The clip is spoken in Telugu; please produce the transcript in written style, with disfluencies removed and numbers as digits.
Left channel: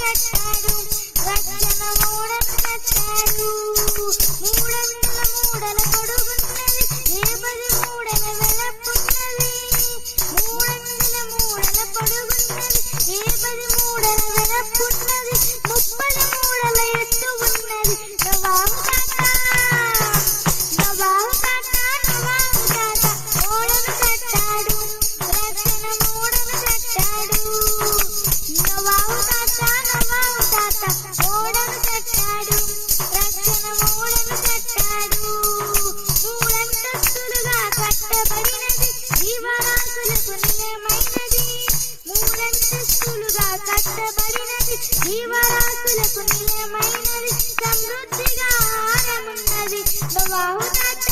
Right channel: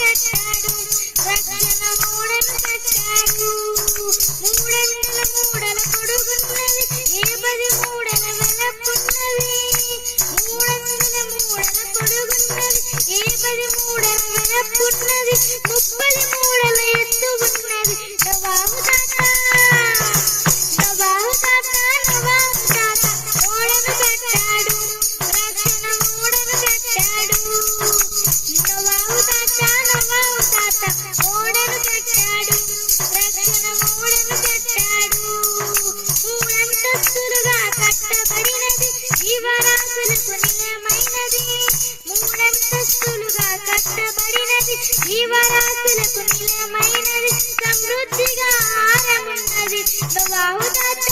కట్టాడు రక్షణ ఓడను కట్టాడు. మూడంచుల మూడల పొడుగున్నది ఏ 10 మూడల వెడల్పున్నది. మూడంచుల మూడల పొడుగున్నది ఏ 10 మూడల వెడల్పున్నది. 30 మూడల ఎత్తు ఉన్నది నవాబు తాత నవాబు తాత నవాబు తాత ఓడను కట్టాడు రక్షణ ఓడను కట్టాడు. నవాబు తాత ఓడను కట్టాడు రక్షణ ఓడను కట్టాడు. మూడంతస్తులుగా కట్టబడినది జీవరాశులకు నిలయమైనది. మూడంతస్తులుగా కట్టబడినది జీవరాశులకు నిలయమైనది. సమృద్ధిగా ఆహారమున్నది నవాబు తాత